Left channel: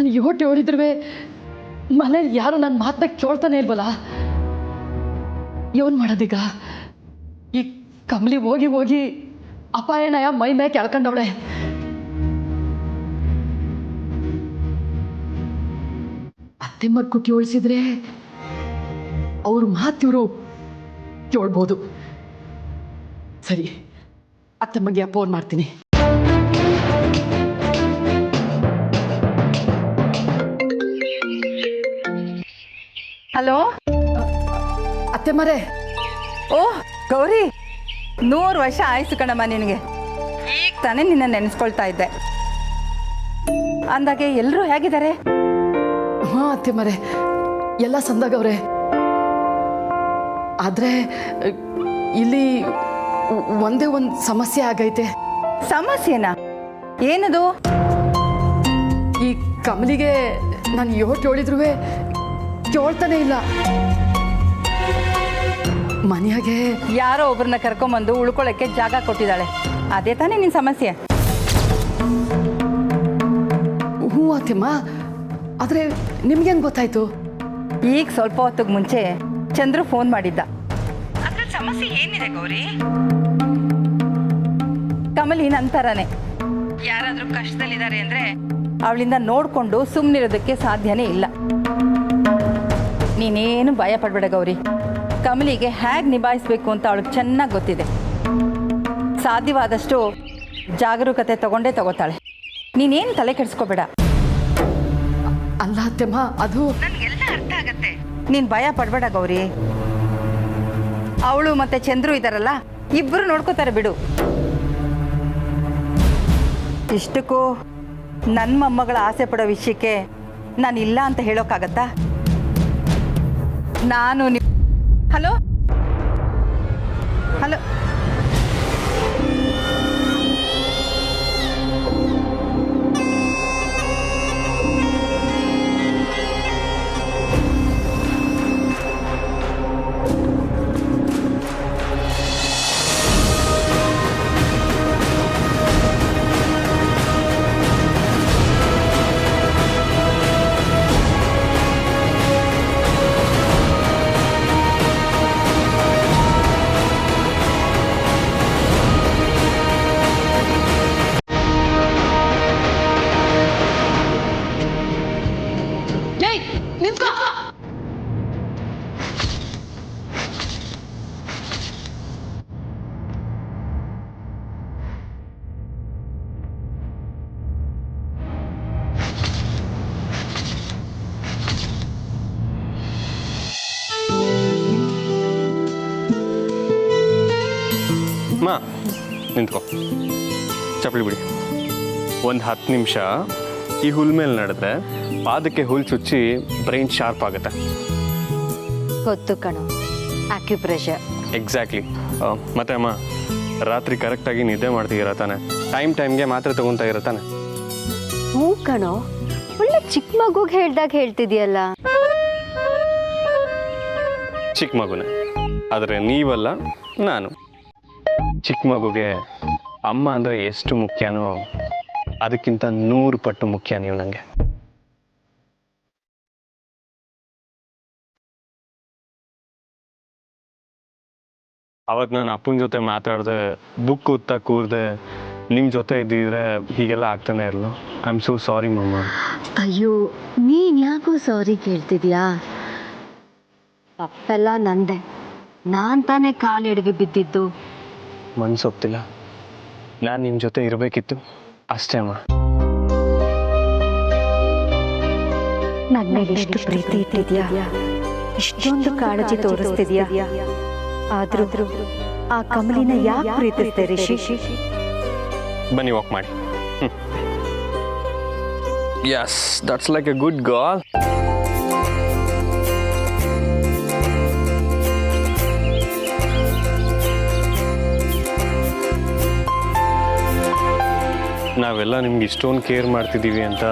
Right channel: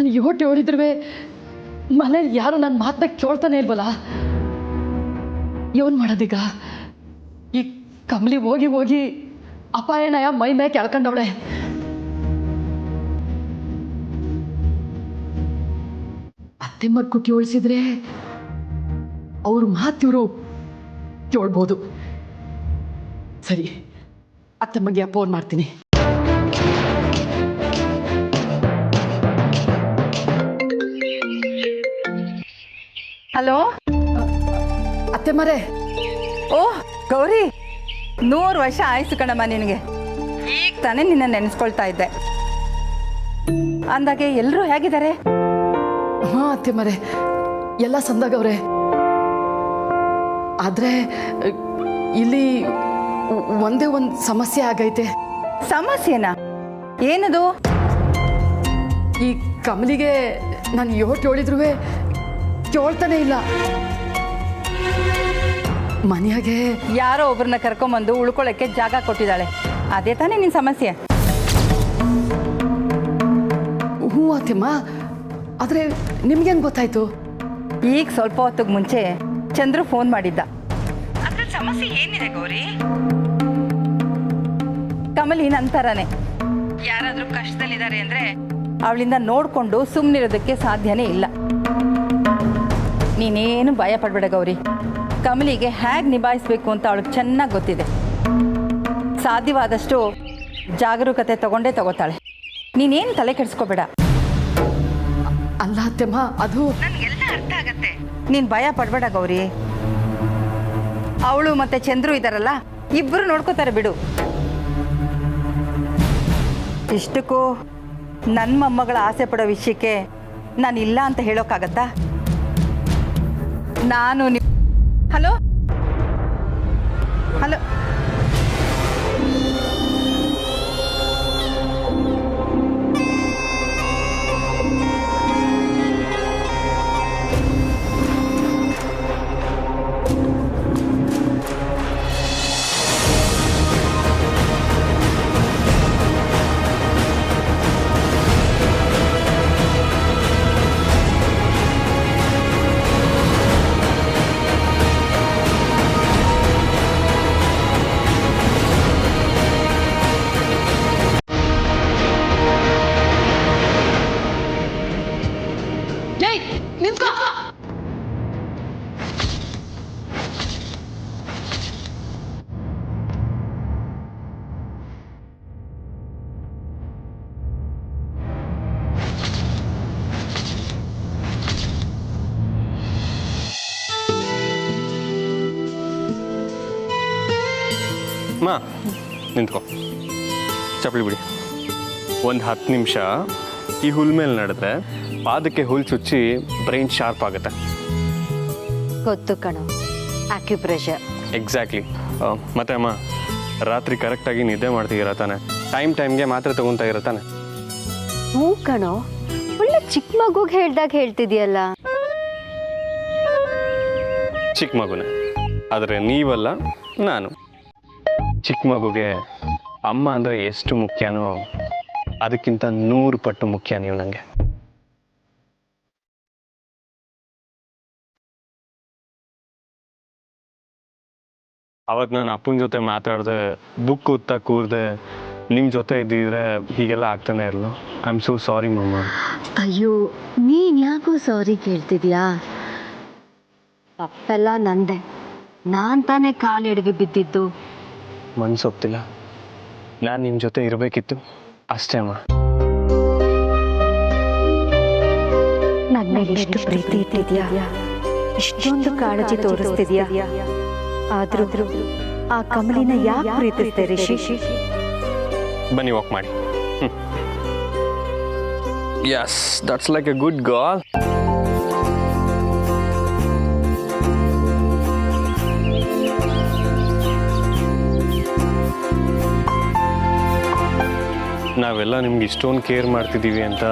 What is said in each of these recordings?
ನಾನು ಯೋಟೆ ಹೊಡಿದ್ರೂ ಮನೇಲಿ ಯಾರು ನನ್ನ ಮಾತನ್ನ ಕೇಳ್ತಾನೆ ಇಲ್ವಲ್ಲ. ಏನು ಮಾಡೋದೀಗ? ಈ ಕಮಲಿ ಹೋಗಿ ಹೋಗಿ ಅಪಾಯನಯ ಮೈ ಮೇಲೆ ಕೆಳ್ಕೊಂಡವಳೆ. ಅತ್ತೆ ಮಗ್ಗು ಕೇಳಿಸಿದ್ರೆ ಅವ್ರ ಮಾತಿವರು ಕೇಳ್ಬೋದು. ಸರಿ, ಅತ್ತೆ ಮಗ್ಗೆ ಫೋನ್ ಮಾಡ್ತೀನಿ. ಹಲೋ ಅತ್ತೆ ಮರೆ. ಓಹ್ ಗೌರಿ, 100 ವರ್ಷ ಆಯ್ತು ಕಣಮ್ಮ ನಿನಗೆ. ಈಗ ತಾನೇ ನಿನ್ನ ನೆನೆಸ್ಕೊಳ್ತಾ ಇದ್ದೆ. ಅಂದಾಗೆ ಎಲ್ಲರೂ ಹೇಗಿದ್ದಾರೆ? ಹಾಂ ಅತ್ತೆ ಮರೆ, ಎಲ್ಲ ಸಂದಾಗವ್ರೆ. ಆದರೆ ಇಲ್ಲಿ ಒಂದೇ ಒಂದು ಸಮಸ್ಯೆ ಆಗೈತೆ. ಸಮಸ್ಯೆನಾ? ಏನದು? ಈ ಕಮಲಿಗೆ ನಾನು ಯೋಟ್ ಹೇಳಿದ್ರು ಕೇಳ್ತಾನೆ ಇಲ್ಲ. ಮನೆಯಾಗೆ ಯಾರೋ ಒಬ್ಬರನ್ನ ಕರ್ಕೊಂಬಂದು ಉಳ್ಕೊಳ್ಳೋಕ್ಕೆ ಜಾಗ ಕೊಟ್ಟಿದ್ದಾಳೆ. ಅದೇ ತಾನೇ ನಿನ್ನ ಸಮಸ್ಯೆ? ಹ್ಞೂ ಅತ್ತೆಮ್ಮ, ಆದರೆ ನಿಮ್ಗೇನು ಗೊತ್ತಾಯ್ತು? ಈಗ ಸ್ವಲ್ಪ ಹೊತ್ತಿಗೆ ಮುಂಚೆ ಚಂದ್ರು ಫೋನ್ ಮಾಡಿದ್ದ. ಅದ್ರ ಸಮಸ್ಯೆ ಏನಿದೆ ಗೌರಿ? ಕಮಲಿ ನಂತರನೇ ಯಾರಾದ್ರೂ ಕಷ್ಟದಲ್ಲಿದ್ದಾರೆ ಅಂದ್ರೆ ಅವಳಿಂದ ನೋಡ್ಕೊಂಡು ಸುಮ್ಮನಿರೋದಕ್ಕೆ ಸಾಧ್ಯನೇ ಇಲ್ಲ. ನೀನೇನು ಭಯ ಪಡ್ಬೇಡ ಗೌರಿ. ಕಮಲಿಗೆ ಹೇಗೆ ನಿಭಾಯಿಸ್ಬೇಕು ಅಂತ ಅವಳಿಗೆ ಚೆನ್ನಾಗಿ ಗೊತ್ತಿದೆ. ಸಾಧ್ಯವಾದಷ್ಟು ಜಾಗರೂಕತೆ ತಗೋತಾಳೆ. ನೀನೇನು ತಲೆ ಕೆಡಿಸ್ಕೋಬೇಡ. ಅಲ್ಲ ಅತ್ತೆಮ್ಮ, ಅದು ನನಗೆಲ್ಲ ಅರ್ಥ ಆಗತ್ತೆ. ನೀನು ಭಯ ಪಡ್ಬೇಡ ಗೌರಿ. ಅವಳು ಮತ್ತೆ ಚಂದ್ರು ಇದ್ದಾರಲ್ಲ, ಇಬ್ಬರು ನೋಡ್ಕೋತಾರೆ ಬಿಡು. ಇಷ್ಟಕ್ಕೂ ನನ್ನ ಮೊಮ್ಮಗಳ ಆಸೆ ಪಡೋ ವಿಷಯಕ್ಕೆ ನಾನು ಇಲ್ಲ ಅಂತ ಹೇಳೋಕ್ಕಾಗತ್ತಾ? ನಾನು ಹಲೋ ಹಲೋ ನಿಂತ್ಕೋ. ಮಾ ನಿಂತ್ಕೋ, ಚಪ್ಪಲಿ ಬಿಡಿ. ಒಂದು 10 ನಿಮಿಷ ಈ ಹುಲ್ ಮೇಲೆ ನಡೆದ್ರೆ ಪಾದಕ್ಕೆ ಹುಲ್ ಚುಚ್ಚಿ ಬ್ರೈನ್ ಶಾರ್ಪ್ ಆಗುತ್ತೆ. ಗೊತ್ತು ಕಣೋ, ಆಕ್ಯುಪ್ರೆಷರ್. ಎಕ್ಸಾಕ್ಟ್ಲಿ. ಮತ್ತೆ ಅಮ್ಮ, ರಾತ್ರಿ ಕರೆಕ್ಟಾಗಿ ನಿದ್ದೆ ಮಾಡ್ತೀರಾ ತಾನೆ? ಟೈಮ್ಗೆ ಮಾತ್ರೆ ತಗೊತಾ ಇರತ್ತಾನೆ? ಹ್ಞೂ ಕಣೋ, ಒಳ್ಳೆ ಚಿಕ್ಕ ಮಗುಗೆ ಹೇಳ್ದಾಗ ಹೇಳ್ತಿದ್ಯಲ್ಲ. ಚಿಕ್ಕ ಮಗುನೇ, ಆದರೆ ನೀವಲ್ಲ ನಾನು. ಚಿಕ್ಕ ಮಗುಗೆ ಅಮ್ಮ ಅಂದರೆ ಎಷ್ಟು ಮುಖ್ಯನೋ ಅದಕ್ಕಿಂತ 100 ಪಟ್ಟು ಮುಖ್ಯ ನೀವು ನನಗೆ. ಅವತ್ತು ನಾನು ಅಪ್ಪನ ಜೊತೆ ಮಾತಾಡಿದೆ, ಬುಕ್ ಓದ್ತಾ ಕೂರ್ದೆ, ನಿಮ್ಮ ಜೊತೆ ಇದ್ದಿದ್ರೆ ಹೀಗೆಲ್ಲ ಆಗ್ತಾನೆ ಇರಲು. ಐ ಆಮ್ ಸೋ ಸಾರಿ ಮಮ್ಮ. ಅಯ್ಯೋ, ನೀನ್ ಯಾಕೋ ಸಾರಿ ಕೇಳ್ತಿದ್ಯಾ? ತಪ್ಪೆಲ್ಲ ನಂದೆ. ನಾನ್ ತಾನೇ ಕಾಲೆಡೆಗೆ ಬಿದ್ದಿದ್ದು. ಮನ್ಸೊಪ್ತಿಲ್ಲ. ನಾನು ನಿಮ್ಮ ಜೊತೆ ಇರಬೇಕಿತ್ತು ಅಷ್ಟೇ ಅಮ್ಮ. ನನ್ನ ಮೇಲೆ ಎಷ್ಟು ಪ್ರೀತಿ ಇಟ್ಟಿದ್ಯಾ, ಇಷ್ಟೊಂದು ಕಾಳಜಿ ತೋರಿಸ್ತಿದ್ಯಾ. ಆದ್ರೂ ಆ ಕಮಲಿನ ಯಾಕೆ ಪ್ರೀತಿಸ್ತೆ ರಿಷಿ? ಬನ್ನಿ ವಾಕ್ ಮಾಡಿ. Yes, that's like a good girl. ನಾವೆಲ್ಲ ನಿಮ್ಗೆ ಇಷ್ಟೊಂದು ಕೇರ್ ಮಾಡ್ತಿದ್ದೀವಿ ಅಂತ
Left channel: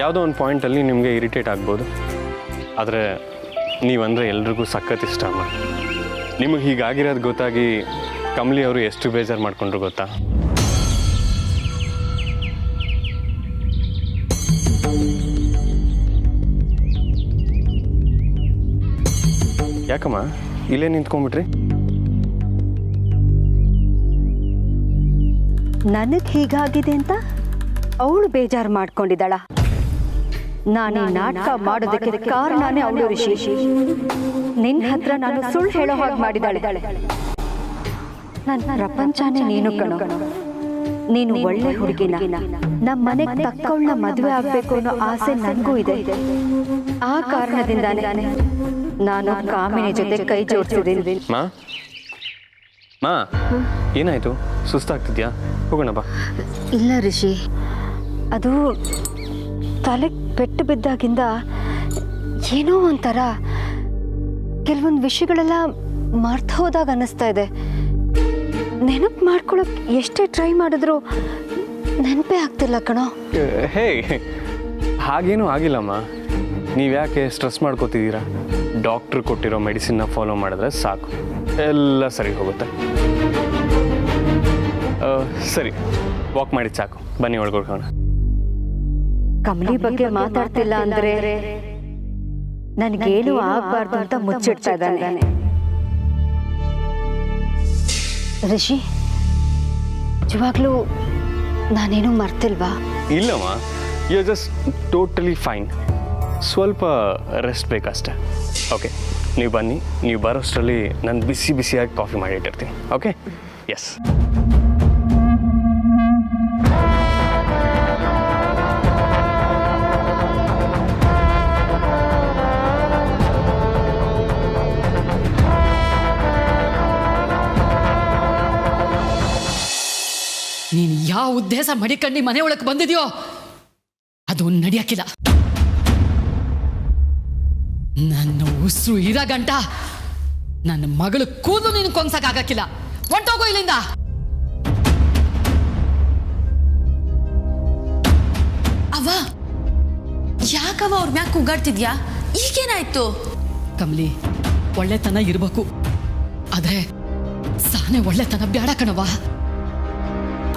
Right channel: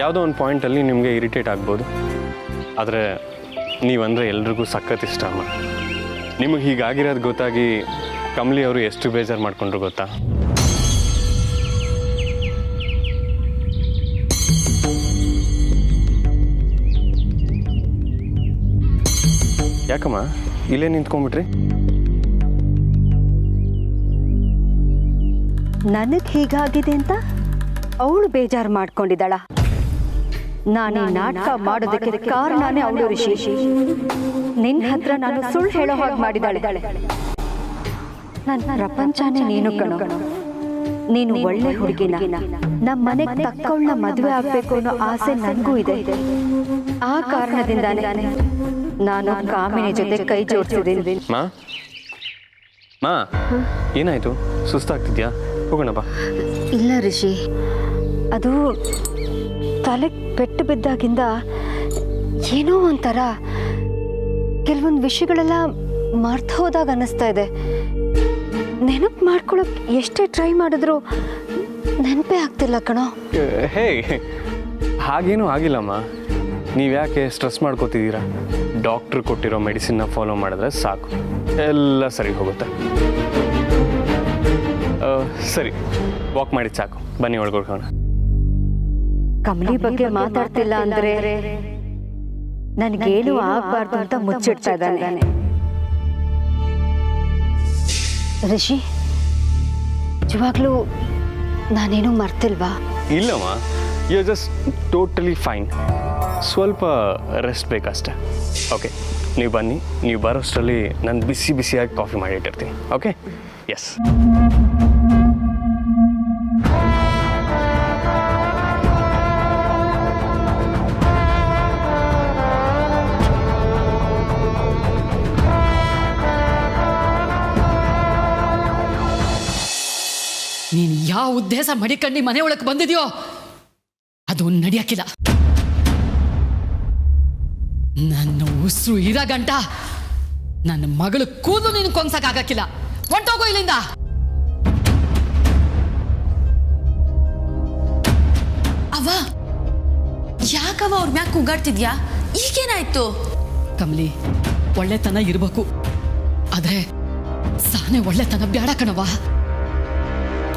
ಯಾವುದೋ ಒಂದು ಪಾಯಿಂಟಲ್ಲಿ ನಿಮಗೆ ಇರಿಟೇಟ್ ಆಗ್ಬೋದು. ಆದರೆ ನೀವಂದರೆ ಎಲ್ರಿಗೂ ಸಖತ್ ಇಷ್ಟ ಅಮ್ಮ. ನಿಮಗೆ ಹೀಗಾಗಿರೋದು ಗೊತ್ತಾಗಿ ಕಮಲಿ ಅವರು ಎಷ್ಟು ಬೇಜಾರು ಮಾಡ್ಕೊಂಡ್ರು ಗೊತ್ತಾ? ಯಾಕಮ್ಮ ಇಲ್ಲೇ ನಿಂತ್ಕೊಂಡ್ಬಿಟ್ರಿ? ನನಗೆ ಹೀಗಾಗಿದೆ ಅಂತ ಅವಳು ಬೇಜಾರು ಮಾಡ್ಕೊಂಡಿದ್ದಾಳ. ನಾನು ನಾಟಕ ಮಾಡೋದಕ್ಕೆ ಕಾರಣನೇ ಅವಳು ಋಷಿ. ನಿನ್ನ ಹತ್ರ ನಾನು ಸುಳ್ಳು ಹೇಳೋ ಹಾಗೆ ಮಾಡಿದಾಳೆ. ನನ್ನ ಪ್ರಪಂಚನೇ ನೀನು ಕಣೋ. ನೀನು ಒಳ್ಳೆ ಹುಡುಗಿನ, ನಮ್ಮ ಮನೆಗೆ ತಕ್ಕವಳನ್ನ ಮದುವೆ ಆಗ್ಬೇಕು ಅನ್ನೋ ಆಸೆ ನನಗೂ ಇದೆ. ಆ ಕಾರಣದಿಂದಾನೇ ನಾನು ಕಾಮಿನಿ ಜೊತೆ ಕೈ ಜೋಡಿಸಿದ್ದೀನಿ. ಮಾ ಏನಾಯ್ತು? ಸುಸ್ತಾಗ್ತಿದ್ಯಾ? ಹೋಗೋಣ ಬಾ. ಇಲ್ಲ ಋಷಿ, ಅದು ತಲೆಗೆ ಪೆಟ್ಟು ಬಿದ್ದಾಗಿಂದ ಏನೋ ಒಂಥರ ಕೆಲವೊಂದು ವಿಷಯಗಳೆಲ್ಲ ಮರ್ತು ಹೋದಾಗ ಅನ್ನಿಸ್ತಾ ಇದೆ. ನೆನಪು ಮಾಡ್ಕೊಳಕ್ ಎಷ್ಟೇ ಟ್ರೈ ಮಾಡಿದ್ರು ನೆನಪೇ ಆಗ್ತಿಲ್ಲ ಕಣೋ. ಹೇ, ಹಾಗೇನೂ ಆಗಿಲ್ಲಮ್ಮ. ನೀವು ಯಾಕೆ ಸ್ಟ್ರೆಸ್ ಮಾಡ್ಕೋತಿದ್ದೀರಾ? ಡಾಕ್ಟ್ರು ಕೊಟ್ಟಿರೋ ಮೆಡಿಸಿನ್ನ ಫಾಲೋ ಮಾಡಿದ್ರೆ ಸಾಕು, ಎಲ್ಲ ಸರಿ ಹೋಗುತ್ತೆ. ಸರಿ, ವಾಕ್ ಮಾಡಿದ್ದು ಸಾಕು, ಬನ್ನಿ ಒಳಗೋಣ. ಕಮಲಿ ಬಗ್ಗೆ ಮಾತಾಡ್ತಿಲ್ಲ ಅಂದ್ರೆ ನನಗೇನು ಆಗ್ಬಾರ್ದು ಅಂತ ಮುಚ್ಚಿಡ್ತಾ ಇದ್ದಾನೆ. ಋಷಿ, ನಿಜವಾಗ್ಲೂ ನಾನೇನು ಮರ್ತಿಲ್ವಾ? ಇಲ್ಲಮ್ಮ, ಯು ಜಸ್ಟ್ ಟೋಟಲಿ ಫೈನ್. ಸ್ವಲ್ಪ ರೆಸ್ಟ್ ಬೇಕಷ್ಟೆ. ಓಕೆ, ನೀವು ಬನ್ನಿ. ನೀವು ಬರೋಷ್ಟರಲ್ಲಿ ನಾನು ಬಿಸಿ ಬಿಸಿಯಾಗಿ ಕಾಫಿ ಮಾಡಿಟ್ಟಿರ್ತೀನಿ. ಓಕೆ? ಎಸ್. ನೀನು ಯಾವ ಉದ್ದೇಶ ಮಡಿಕಂಡು ಮನೆ ಒಳಗೆ ಬಂದಿದ್ಯೋ ಅದು ನಡೆಯಕ್ಕಿಲ್ಲ. ನನ್ನ ಉಸಿರು ಇರೋ ಗಂಟ ನನ್ನ ಮಗಳು ಕೂದಲು ನೀನು ಕೊಂಗ್ಸಕ್ಕಾಗಕ್ಕಿಲ್ಲ. ಹೊಂಟೋಗೋ ಇಲ್ಲಿಂದ. ಅವ್ವ, ಯಾಕವ ಅವ್ರ ಮ್ಯಾಕ್ ಕೂಗಾಡ್ತಿದ್ಯಾ? ಈಗೇನಾಯ್ತು? ಕಮಲಿ, ಒಳ್ಳೆತನ ಇರ್ಬೇಕು, ಆದ್ರೆ ಸಾನೆ ಒಳ್ಳೆತನ ಬ್ಯಾಡ ಕಣವ.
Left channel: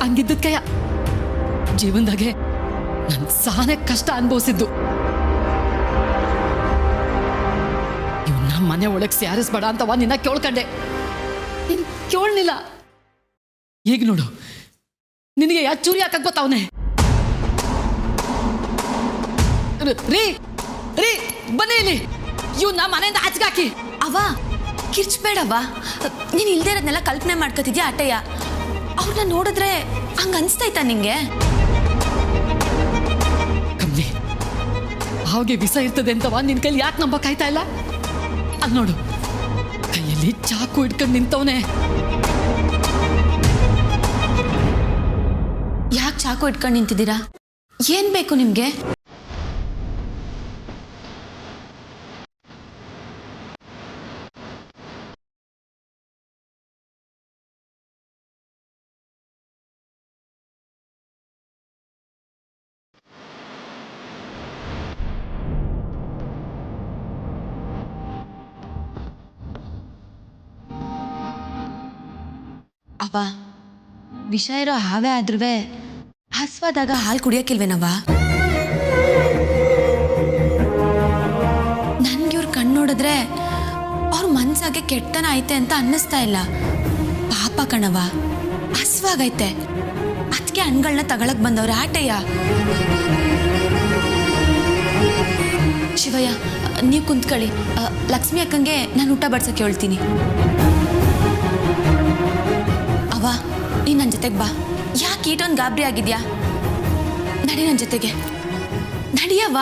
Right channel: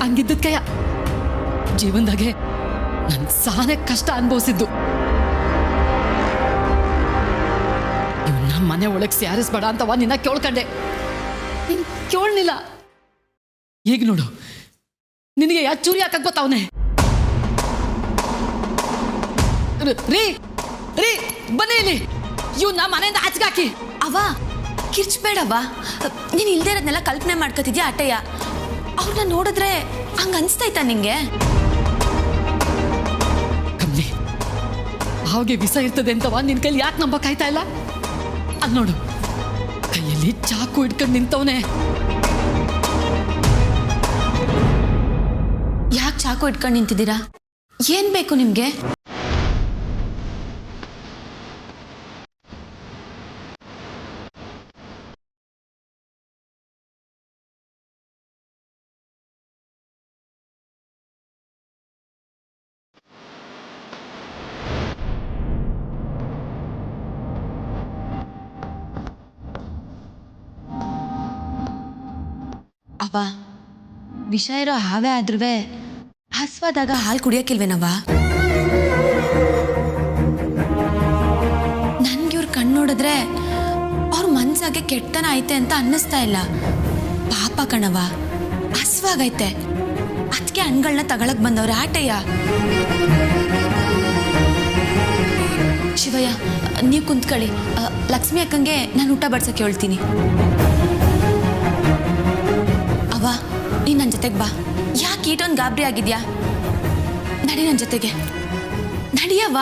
ಹಂಗಿದ್ದಕ್ಕಯ್ಯ ಜೀವನದಾಗೆ ನನ್ ಸಾನೆ ಕಷ್ಟ ಅನುಭವಿಸಿದ್ದು. ಇವನ್ನ ಮನೆ ಒಳಗೆ ಸೇರಿಸ್ಬೇಡ ಅಂತವ ನಿನ್ನ ಕೇಳ್ಕೊಂಡೆ. ನೀನ್ ಕೇಳಲಿಲ್ಲ. ಈಗ ನೋಡು, ನಿನಗೆ ಯಾ ಚೂರಿ ಹಾಕಕ್ ಗೊತ್ತವನೆ. ರೀ ರೀ ಬನ್ನಿ ಇಲ್ಲಿ. ಇವನ್ನ ಮನೆಯಿಂದ ಆಚೆಗಾಕಿ. ಅವ್ವ, ಕಿರ್ಚ್ಬೇಡವ್ವ. ನೀನ್ ಇಲ್ದೇ ಇರೋದ್ನೆಲ್ಲ ಕಲ್ಪನೆ ಮಾಡ್ಕೊತಿದ್ಯಾ ಅಟ್ಟಯ್ಯ? ಅವ್ರನ್ನ ನೋಡಿದ್ರೆ ಹಂಗ ಅನ್ಸ್ತೈತಾ ನಿಂಗೆ? ಕಮ್ಲಿ, ಹಾಗೆ ವಿಷ ಇರ್ತದೆ ಅಂತವ ನಿನ್ ಕೈಲಿ ಯಾಕೆ ನಂಬಕ್ಕಾಯ್ತಾ ಇಲ್ಲ? ಅಲ್ಲಿ ನೋಡು, ಕೈಯಲ್ಲಿ ಚಾಕು ಇಟ್ಕೊಂಡು ನಿಂತವನೆ. ಯಾಕೆ ಚಾಕು ಇಟ್ಕೊಂಡು ನಿಂತಿದ್ದೀರಾ? ಏನ್ ಬೇಕು ನಿಮ್ಗೆ? ಅವ್ವ, ವಿಷ ಇರೋ ಹಾವೇ ಆದ್ರೂ ಹಸ್ವಾದಾಗ ಹಾಲು ಕುಡಿಯೋಕಿಲ್ವೇನವ್ವ? ನನ್ಗೆ ಇವ್ರ ಕಣ್ಣು ನೋಡಿದ್ರೆ ಅವ್ರ ಮನ್ಸಾಗೆ ಕೆಟ್ಟನ ಐತೆ ಅಂತ ಅನ್ನಿಸ್ತಾ ಇಲ್ಲ. ಪಾಪ ಕಣವ್ವ, ಹಸ್ವಾಗೈತೆ. ಅದಕ್ಕೆ ಹಣ್ಗಳನ್ನ ತಗೊಳಕ್ ಬಂದವ್ರೆ ಆಟಯ್ಯ. ಶಿವಯ್ಯ, ನೀವು ಕುಂತ್ಕೊಳ್ಳಿ. ಲಕ್ಷ್ಮಿ ಅಕ್ಕಂಗೆ ನಾನು ಊಟ ಬಡ್ಸಕ್ಕೆ ಹೇಳ್ತೀನಿ. ಅವ್ವ, ನೀನು ನನ್ನ ಜೊತೆಗೆ ಬಾ. ಯಾಕೆ ಈಟೊಂದು ಗಾಬರಿ ಆಗಿದ್ಯಾ? ನಡಿ ನನ್ನ ಜೊತೆಗೆ, ನಡಿಯವ್ವ.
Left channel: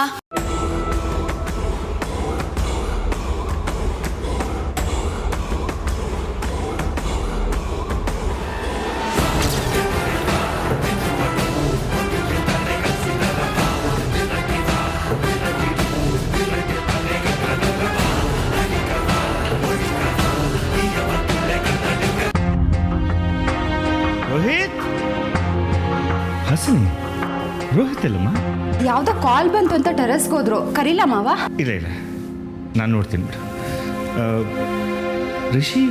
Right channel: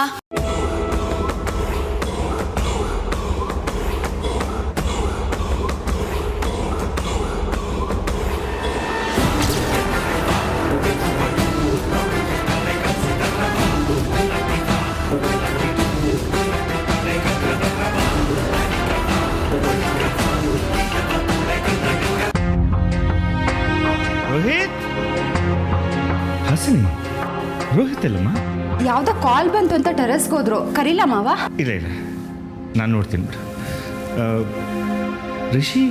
ರೋಹಿತ್, ಹಸಿನಿ, ರೋಹಿತ್ ಅಲ್ಲಮ್ಮ? ಯಾವುದೋ ಕಾಲ್ ಬಂತು ಅಂತ ಟೆರೆಸ್ಗೆ ಹೋದ್ರು. ಕರೀಲ ಮಾವ? ಇಲ್ಲ ಇಲ್ಲ, ನಾನು ನೋಡ್ತೀನಿ ಬಿಡು. ರಿಷಿ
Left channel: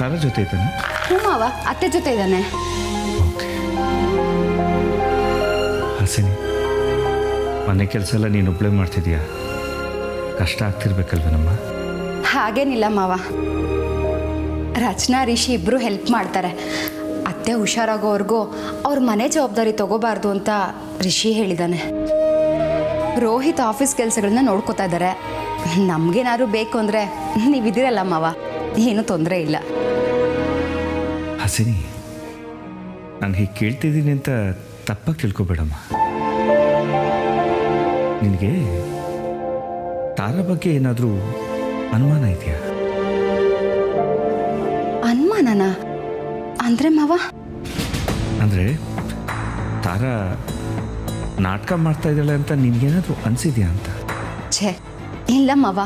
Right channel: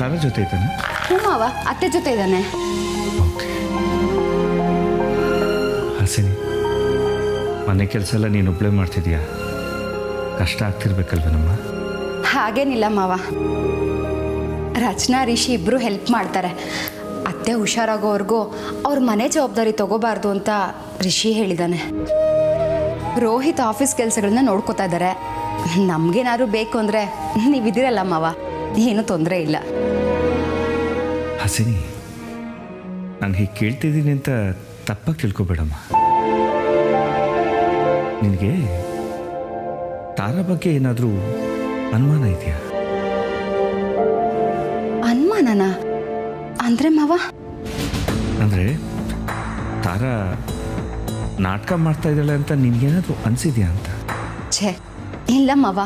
ತಾರ ಜೊತೆ ಇದ್ದಾನೆ? ಹ್ಞೂ ಮಾವ, ಅತ್ತೆ ಜೊತೆ ಇದ್ದಾನೆ. ಓಕೆ. ಹಸಿನಿ, ಮನೆ ಕೆಲಸ ಎಲ್ಲ ನೀನು ಒಬ್ಬಳೇ ಮಾಡ್ತಿದ್ಯಾ? ಕಷ್ಟ ಆಗ್ತಿರ್ಬೇಕಲ್ವೇನಮ್ಮ? ಹಾಗೇನಿಲ್ಲ ಮಾವ. ರಚನಾ ರಿಷಿ ಇಬ್ಬರು ಹೆಲ್ಪ್ ಮಾಡ್ತಾರೆ. ಅತ್ತೆ ಹುಷಾರಾಗೋವರೆಗೂ ಅವ್ರ ಮನೆ ಜವಾಬ್ದಾರಿ ತಗೋಬಾರ್ದು ಅಂತ ರಿಷಿ ಹೇಳಿದ್ದಾನೆ. ರೋಹಿತ್ ಆಫೀಸ್ ಕೆಲಸಗಳನ್ನ ನೋಡ್ಕೋತಾ ಇದ್ದಾರೆ. ನಮಗೇನಾದ್ರು ಬೇಕು ಅಂದರೆ ನೀವಿದ್ದೀರಲ್ಲ ಮಾವ, ಏನೂ ತೊಂದರೆ ಇಲ್ಲ. ಹಸಿನಿ, ನಾನು ಹೀಗೆ ಕೇಳ್ತಿದ್ದೀನಿ ಅಂತ ತಪ್ಪಾಗಿ ತಿಳ್ಕೊಬೇಡಮ್ಮ. ನಿನಗೆ ತಾರಾ ಬಗ್ಗೆ ಏನಾದರೂ ಅನುಮಾನ ಇದೆಯಾ? ಅನುಮಾನನ ಅಂದರೆ ಮಾವ? ಅಂದರೆ ತಾರಾ ನಾಟಕ ಮಾಡ್ತಾ ಇದ್ದಾಳೆ ಅಂತ ನಿನಗೇನಾದರೂ ಅನಿಸಿದ್ಯಾ ಅಂತ? ಛೇ ಇಲ್ಲ ಮಾವ,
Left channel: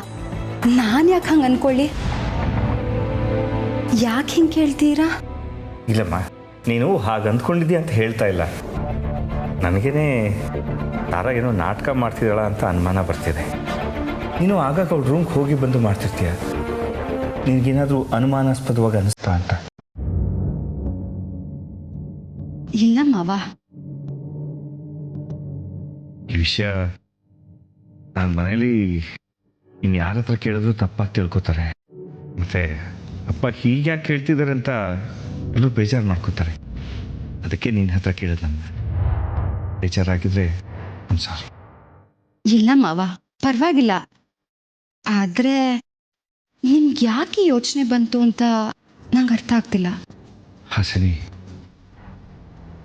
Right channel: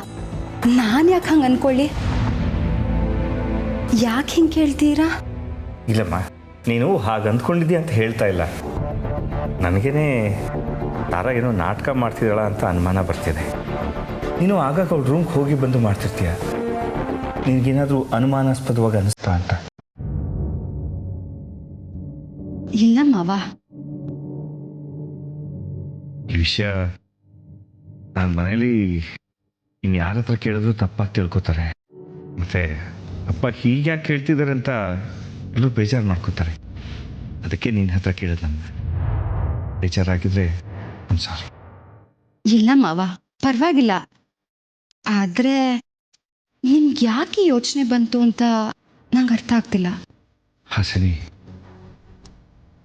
ನಾನು ಯಾಕೆ ಹಂಗೆ ಅಂದ್ಕೊಳ್ಳಿ? ಯಾಕೆ ಹಿಂಗೆ ಕೇಳ್ತೀರಾ? ಇಲ್ಲಮ್ಮ, ನೀನು ಹಾಗೆ ಅಂದ್ಕೊಂಡಿದ್ದೀಯ ಅಂತ ಹೇಳ್ತಾ ಇಲ್ಲ. ನನಗೇನೆ ತಾರಾ ಏನೋ ನಾಟಕ ಮಾಡ್ತಿದ್ದಾಳ ಅಂತ ಅನುಮಾನ ಬರ್ತಿದೆ. ನೀನು ಆಗಾಗ ಅವ್ಳ ರೂಮ್ಗೆ ಹೋಗಿ ಬಂದು ಮಾಡ್ತಿರ್ತೀಯ. ನಿನಗೇನಾದರೂ ಅನುಮಾನಾಸ್ಪದವಾಗಿ ಅನಿಸ್ತಾ ಅಂತ? ಇಲ್ಲ ಮಾವ. ಈ ವಿಷಯ ನನ್ನ ಮನೇಲಿ ಇನ್ನು ಯಾರ ಹತ್ರ ಕೇಳಿದ್ರು ತಪ್ಪಾಗಿ ತಿಳ್ಕೊತಾರೆ. ಮತ್ತು ಅಪ್ಪ ಹೀಗೆ ಯಾಕೆ ಕೇಳ್ತಿದ್ದಾರೆ ಅಂತ ಎಲ್ಲರೂ ಬೇಜಾರು ಮಾಡ್ಕೋತಾರೆ. ಅದಕ್ಕೆ ನಿನ್ನ ಹತ್ರ ಕೇಳಿದ್ ನನ್ನ. ಬೇಜಾರಾಗಿದ್ರೆ ಒಂದು ಸಾರಿ. ಇಲ್ಲ ಮಾವ, ಪರವಾಗಿಲ್ಲ. ಆದರೆ ನಿಮ್ಗೆ ಯಾಕೆ ಯೋಚನೆ ಬಂತು ಅಂತ ನಂಗೆ ಅರ್ಥ ಆಗ್ತಿಲ್ಲ. ಹಾಸನಿ,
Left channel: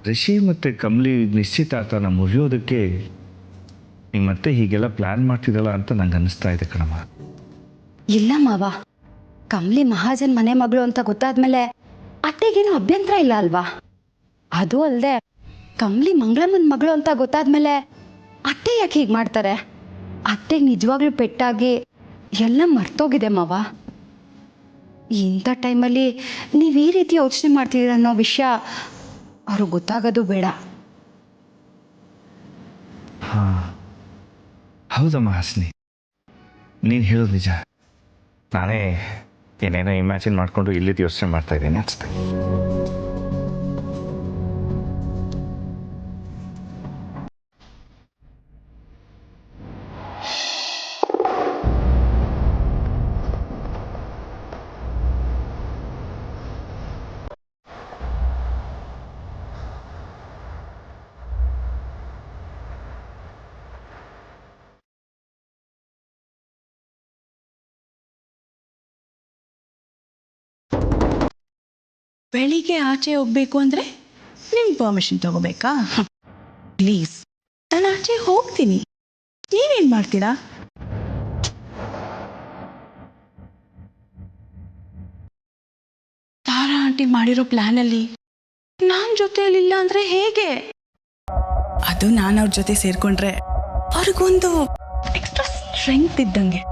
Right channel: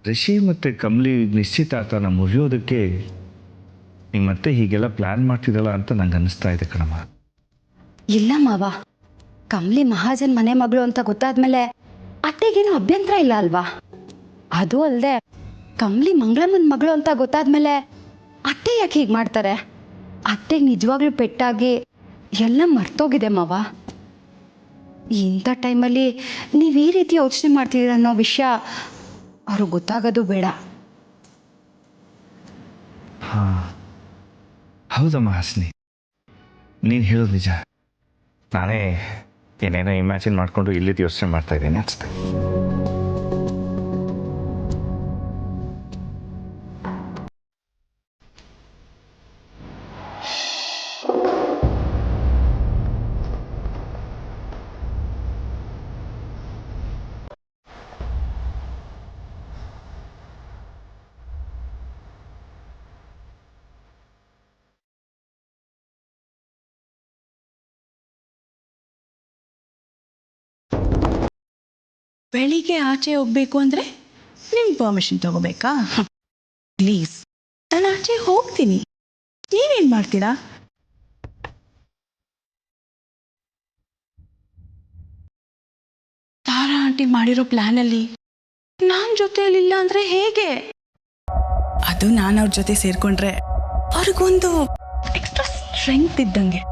ರಿಷಿ ಮತ್ತು ಕಮಲಿ ನಿಶ್ಚಿತಾರ್ಥನ ಮುರಿಯೋದಕ್ಕೆ ನೀವು ಮತ್ತೆ ಹೀಗೆಲ್ಲ ಪ್ಲ್ಯಾನ್ ಮಾಡ್ತಿದ್ದಲ್ಲ ಅಂತ ನಂಗೆ ಅನ್ನಿಸ್ತಾ ಇದೆ ಕಣಮ್ಮ. ಇಲ್ಲ ಮಾವ, ಕಮಲಿ ಮಹಾಜನ್ ಮನೆ ಮಗಳು ಅಂತ ಗೊತ್ತಾದ್ಮೇಲೆ ಅತ್ತೆಗೇನು ಅಭ್ಯಂತರ ಇಲ್ಲ ಅಲ್ವಾ? ಅದು ಅಲ್ಲದೆ ಕಮಲಿ ಮಂಗಳಮ್ಮನ ಮಗಳು ಅಂತ ಗೊತ್ತಾದ್ಮೇಲೆ ಅತ್ತೆ ಯಾಕೆ ಹೀಗೆ ಮಾಡ್ತಾರೆ? ಅತ್ತೆಗೆ ನಿಜವಾಗ್ಲೂ ಪೆಟ್ಟಾಗಿ ಎಲ್ಲ ಮರ್ತೋಗಿದೆ ಮಾವ. ಇಂಥ ಟೈಮಲ್ಲಿ ನೀವು ಈ ರೀತಿ ಯೋಚನೆ ಮಾಡ್ತಿದ್ದೀರ ಅನ್ನೋ ವಿಷಯ ಅವ್ರಿಗೆ ಗೊತ್ತಾಗೋದು ಬೇಡ. ಹಾಂ, ಹೌದಮ್ಮ ಹಾಸನಿ, ನೀನು ಹೇಳೋದು ನಿಜ. ನಾನೇ ಏನೇನೋ ಇಮ್ಯಾಜಿನ್ ಮಾಡಿಕೊಂಡು ಇಲ್ಲಿದ್ದು ಯೋಚನೆ ಮಾಡ್ತಾ ಇದ್ದೇನೆ ಅನಿಸುತ್ತೆ. ಬೆಳಿಗ್ಗೆ ಆಚೆ ಹೋಗ್ಬೇಕು ಅಂದರೆ ನಿಮ್ಮ ಪರ್ಮಿಷನ್ ತಗೋಬೇಕಾ? ಪ್ಲೀಸ್, ನಾನು ಆಚೆ ಹೋಗ್ತೀನಿ, ನೀವೇನು ಮಾಡ್ತೀರಾ? ತಾರಾ ಆಂಟಿ ಮಾಡಿರೋ ಪ್ಲ್ಯಾನಲ್ಲಿ ನಾನು ಜೊತೆಯಲ್ಲಿಲ್ಲ ಅಂದರೆ ಹೇಗೆ? ಅದು ನಾನು ಅವ್ರ ಜೊತೆ ಸೇರಿಕೊಂಡ್ರೆ ಅವ್ರಿಗೊಂದು ಎಕ್ಸ್ಟ್ರಾ ಸ್ಟ್ರೆಂತ್ ಇದ್ದಂಗೆ.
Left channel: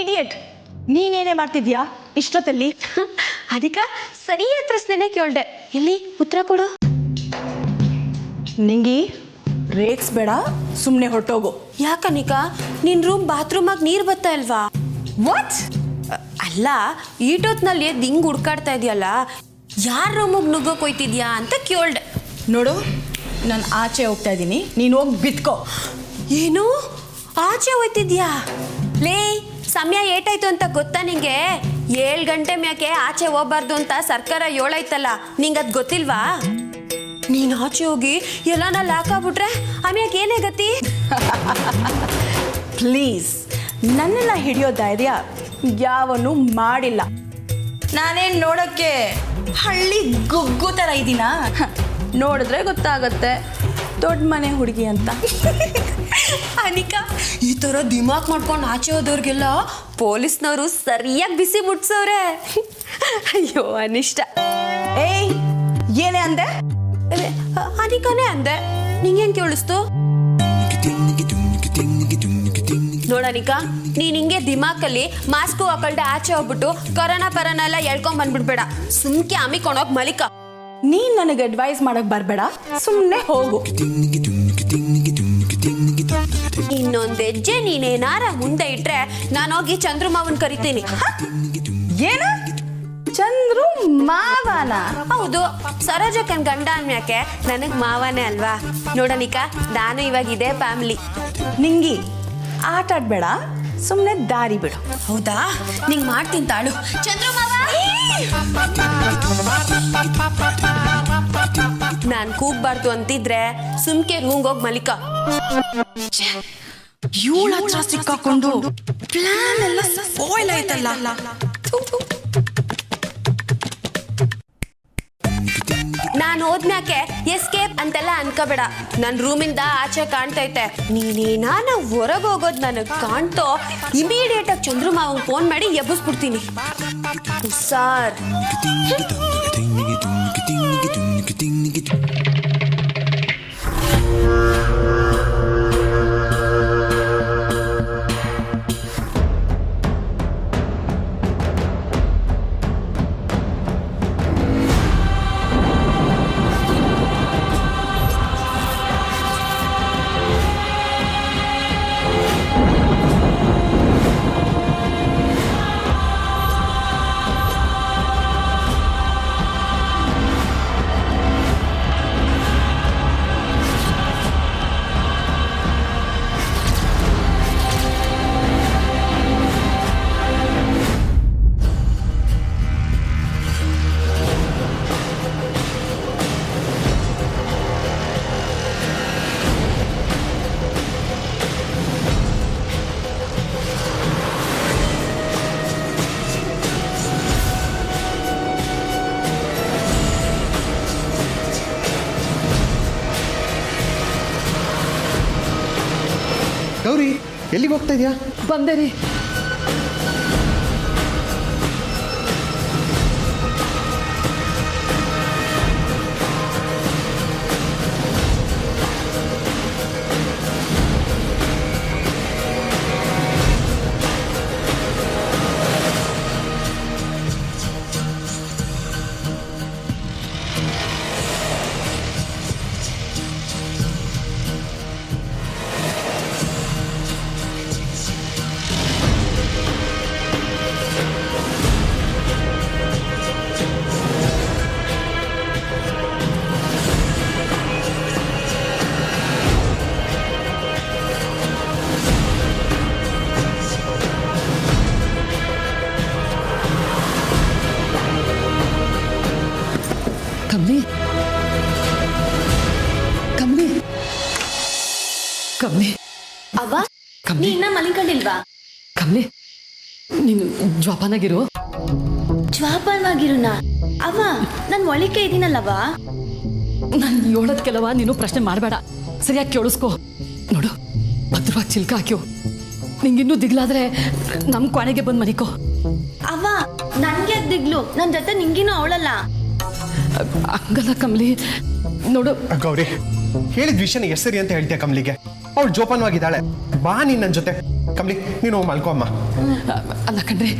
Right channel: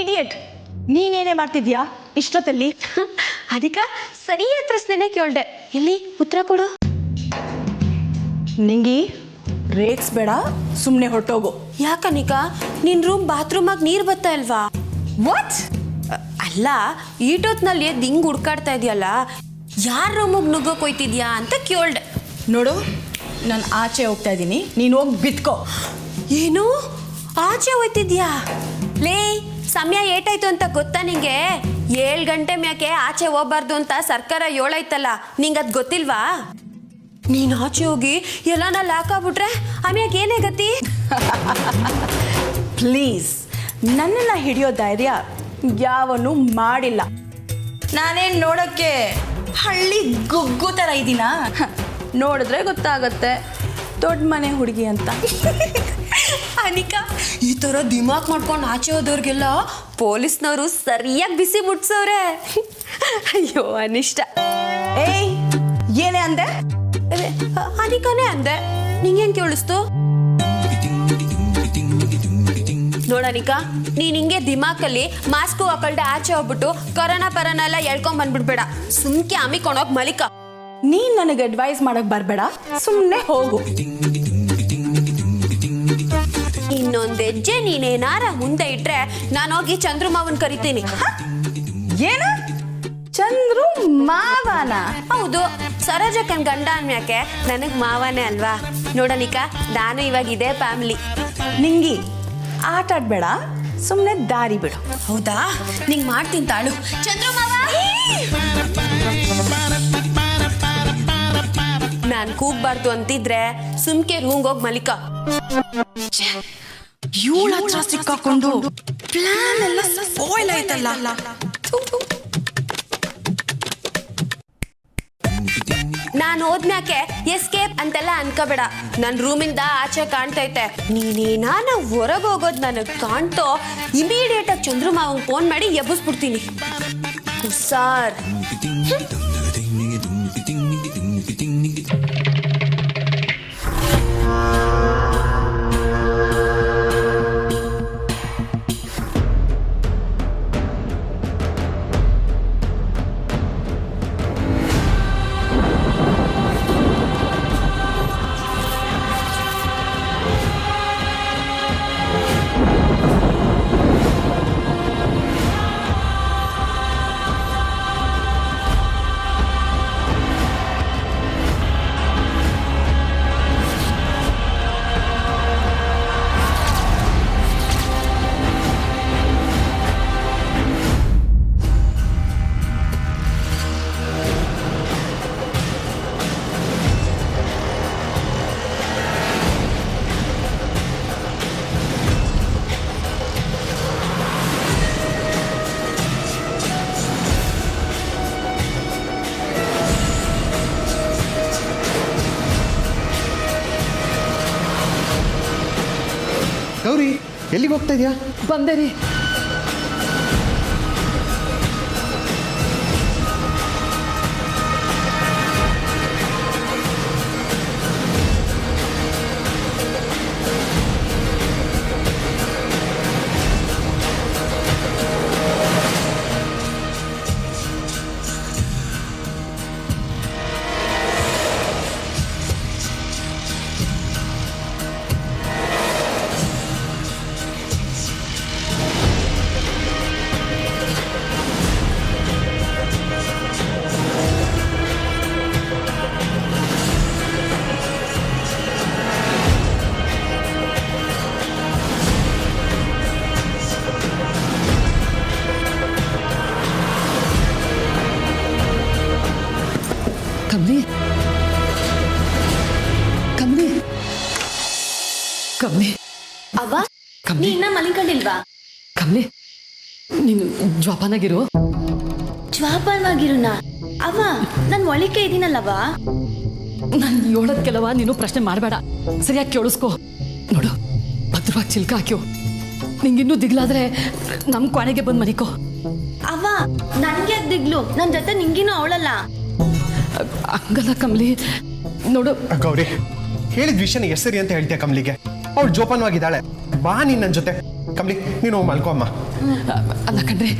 ಇಡಿಯಟ್, ನೀನೇನೇ ಮಾಡ್ತಿದ್ಯಾ ಇಷ್ಟೊತ್ತಲ್ಲಿ? ಅದಕ್ಕೆ ಸರಿಯಾದ ಪ್ರಶ್ನೆನೇ ಕೇಳ್ದೆ. ಎಲ್ಲಿ ಉತ್ತರ ಕೊಡು. ನಿಂಗಿ ರೇಕ್ಸ್ ಬೇಡ, ಸುಮ್ಮನೆ ಹೊರಟೋಗು. ಯಾಕನಿಕ, ನಿನ್ ರೂಮ್ ಬಾತ್ರೂಮಾಗ ನೀರು ಬರ್ತಾ ಇಲ್ವಾ? ವಾಟ್? ಅಲ್ಲ, ಈಟೊತ್ನಲ್ಲಿ ದಿಂಗ್ ಹುಡ್ಕಾಡ್ತಾ ಇದೆಯಲ್ಲ, ಯಾರ ರೂಮಿಗೆ ನುಗ್ಗಕ್ಕೆ ಹೋಯ್ತಿದ್ಯಾ ಅಂತ ಕೇಳ್ದೆ. ನೋಡು, ನಾನು ಆಚೆ ಹೋಗ್ತಾ ಇದ್ದೀನಿ, ನೀನು ಹೋಗಿ ಬಿತ್ಕೋ. ಏನು ಆಚೆ ಹೋಯ್ತಿದ್ಯಾ? ಲೇ, ಸಮಯ ಏಟಾಯ್ತು ಅಂತ ಗೊತ್ತಾ ನಿಂಗೆ? 7 ಗಂಟೆ ಮ್ಯಾಕೆ ಆಚೆ ಹೋಗ್ಬಾರ್ದು ಅಂತ ಸರ್ಕಾರ ಹೇಳೈತಲ್ಲ, ನಿಂಗದು ಗೊತ್ತಿಲ್ವಾ? ನೀನು ಆಚೆ ಹೋಗಿ ಎಲ್ಲಾನ ಲಾಕ್ ಆಗ್ಬಿಟ್ರೆ ಆಮ್ಯಾಕೆ ಏನೇ ಗತಿ? ಪ್ಲೀಸ್, ನನ್ನನ್ನು ಹಿಡಿಯೋ ಧೈರ್ಯ ಯಾವನು ಮಾಡಿಲ್ಲ. ನಾನೇನು ನೋಡೋಕ್ಕೆ ಹಳ್ಳಿ ಗುಗ್ಗು ಥರ ಇದ್ದೀನಾ? ನೋಡಿದ್ರೆ ಗೊತ್ತಾಗತ್ತೆ ದೊಡ್ಡ ಮನೆ ಹುಡುಗಿ ಅಂತ. ಅನಿಕಾ, ಈ ಥರ ದಿಮಾಕ್ ಮಾಡ್ಕೊಂಡು ಆಚೆ ಹೋದವ್ರಿಗೆಲ್ಲ ಪೊಲೀಸ್ನವರು ಸರಿಯಾಗಿ ಬಿಸಿ ಮುಟ್ಸವ್ರೆ. ಅಯ್ಯೋ ಅನಿಷ್ಟ. ಏಯ್, ಏನೇ ಅಂದೆ? ಅನಿಕಾನೇ ಅಂದೆ, ನಿಂಗೇನ್ ಕೇಳಿಸ್ತು? ನೋಡನಿಕಾ, ನೀನ್ ಹಿಂಗೆ ದಿಮಾಕಲ್ಲಿ ಮಾಸ್ಕು ಹಾಕೊಳ್ದೆ ಆಚೆ ಹೋಗ್ಬಿಟ್ಟು ಕೊರೋನಾ ಪರನ ಎಲ್ಲ ಎಳ್ಕೊಂಡ್ ಬಂದ್ಬಿಡ್ಬೇಡ. ಸುಮ್ಕೆ ಅಮ್ಮಿಕೊಂಡೋಗಿ ಮಲಿಕ. ನೀನ್ ನನಗೆ ಅಡ್ವೈಸ್ ಮಾಡಕ್ ಬರ್ಬೇಡ, ಸುಮ್ಮನೆ ಹೋಗು. ಇನ್ನೊಂದ್ ಹೆಜ್ಜೆ ನೀನೇನಾರ ಮುಂದೆ ಇಟ್ರೆ ನಾನು ಹೋಗಿ ಚಂದ್ರು ಮಾವನ್ ಕರಿತೀನಿ. ಏನ ಚಂದ್ರು ಮಾವನ? ಹೌದು, ಸರೋಜಕ್ಕನ್ ಗಂಡ ಅನ್ಯಾಕೆ ನನಗ್ ಮಾವನೇ ಅಲ್ವಾ. ನೋಡನಿಕ, ನಾನು ಇವಾಗ ಇದೇ ಫ್ಯಾಮಿಲಿ. ನಿಂಗಿ ಆಟ ಆಡ್ಬೇಡ, ಸುಮ್ಮನೆ ದಾರಿ ಬಿಡು. ಹೌದಾ, ನಿಂಗ್ ಮಾಡ್ತೀನಿ ತಾಳು. ಚಂದ್ರು ಮಾವ, ನಾನ್ ಕೂಗ್ಬಾರ್ದು ಅಂತಿದ್ರೆ ಸುಮ್ಕೆ ರೂಮ್ಗೆ ಹೋಗಿ ಮಲಿಕ. ಇವಳ ಹತ್ರ ಸಿಕ್ಕಾಕೊಂಡು ಪ್ಲಾನ್ ಎಲ್ಲ ಸ್ಪಾಯ್ಲ್ ಆಯ್ತಲ್ಲ. ನಾನು ಹೋದ್ಮ್ಯಾಕೆ ಎಸ್ಕೇಪ್ ಅಂತೆಲ್ಲ ಅನ್ಕೋಬೇಡ. ನನ್ ರೂಮಿಂದ ಆಚೆ ಕಾಣ್ತೈತೆ. ನೀನೇನಾನ ಹೊರಗೆ ಹೋಗೋದು ನನಗೆ ಕಾಣ್ತೋ, ಇಮಿಡಿಯೇಟ್ ಆಗಿ ಚಂದ್ರು ಮಾವಂಗ್ ಫೋನ್ ಮಾಡಿ ಎಬ್ಬಿಸ್ಬಿಡ್ತೀನಿ. ಹುಷಾರ್. ಗೌರಿ, ಎಲ್ಲಿಗೆ ಹೋಗ್ತಾ ಇದೆಯಾ? ಬಂದೆ ರೀ. ಕಮ್ಲಿ, ಕಮ್ಲಿ, ಕಮ್ಲಿ. ಅವ್ವ, ನೀ ಇನ್ನ ಮಲಿಕೊಂಡಿಲ್ವಾ? ಕಮ್ಲಿ, ನೀನು ಜ್ವಾಪಾನಾಗಿರು. ಜ್ವಾಪಾನವಾಗಿರುನ? ಅವ್ವ, ನಾನು ಒಳಿಕೆ ಇದೀನಲ್ಲವಾ? ನಾನು ಹೇಳೋದ್ ಕೆಲವ ನೀನು ಪ್ರಶ್ನೆ ಮಾಡಬೇಡ, ಸರಿಯಾಗಿ ಕೇಳಿಸ್ಕೊ. ನೋಡು, ಭದ್ರವಾಗಿ ಚಿಲ್ಕ ಹಾಕ್ಯೋ. ನಿಂಗಿನ್ನೂ ದಿಗ್ಲಾದ್ರೆ ನಮ್ಮ ಕೊನೆಗೆ ಬಂದು ಮನಿಕೋ. ಅವ್ವ, ನನ್ಗೆ ದಿಗ್ಲು, ನನ್ನ ಜೊತೆ ನಿಂಗಿನೂ ಅವಳಲ್ಲ. ಹಂಗಲ್ಲ ಕಮ್ಲಿ, ನೋಡು. ಗೌರಿ, ಹೇಳಿದ ವಿಷಯನ ಎಷ್ಟು ಸರಿ ಅಂತ ಹೇಳ್ತೀಯ ಕಮ್ಲಿಗೆ? ಅವಳು ಜೋಪಾನವಾಗಿದ್ದಾಳೆ. ಬಾ ನೀನು ನನ್ನ ಜೊತೆ. ಕಮ್ಲಿ, ನೀನು ಹೋಗಿ ಮಲ್ಕೋ ಅಮ್ಮ. ಅಲ್ಲ ಕಣ್ರಿ,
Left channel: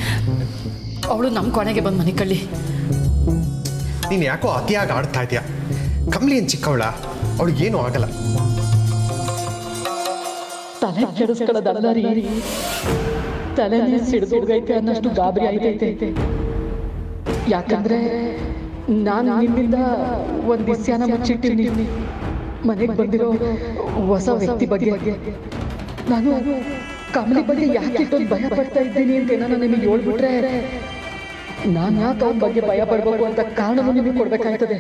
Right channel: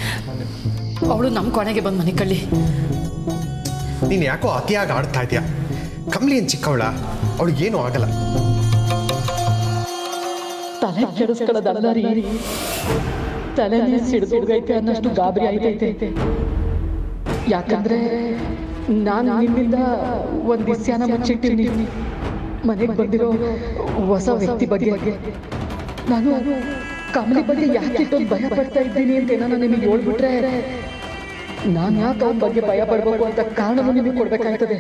ಅವಳು ನಮ್ಮ ಕೊನೆಗೆ ಬಂದು ಮನೆ ಕಳ್ಳಿ. ನೀನು ಯಾಕೋ ಅತಿಯಾಗಿ ಆಡ್ತಾ ಇದೀಯ. ಕಮ್ಲಿ ಏನು ಚಿಕ್ಕವಳ, ಅವಳಿಗೇನು ಆಗಲ್ಲ. ತಲೆ ಕೆಡಿಸ್ಕೊಳ್ಳೋದಲ್ಲ ರೀ, ತಲೆ ಸಿಡಿದೋಗೈತೆ ಅನ್ನಷ್ಟು ಗಾಬರಿ ಆಯ್ತೈತೆ. ಯಾಕಂದ್ರೆ ನಾನು ನಿಮ್ಮಿಂದ ಒಂದು ವಿಷಯನ ಮುಚ್ಚಿಟ್ಟಿನಿ. ಮನೆಗೆ ಬಂದಿರೋ ಹೊಸ ವ್ಯಕ್ತಿ ಬಗ್ಗೆ ನಾನು ಕಮಲಿ ಬಗ್ಗೆ ಯಾಕೆ ಇಷ್ಟೊಂದು ಭಯ ಪಡ್ತಾ ಇದ್ದೀನಿ ಅಂತ ನಾನು ನಿಮಗೆ ಹೇಳ್ಬಿಟ್ರೆ ನಾನು ಯಾಕೆ ಅವನ ಬಗ್ಗೆ ಭಯ ಪಡ್ಬೇಕು ಅಂತ ಕಾರಣವನ್ನು ನಿಮಗೆ ಕೊಡ್ಬೇಕಾಗ್ತದೆ.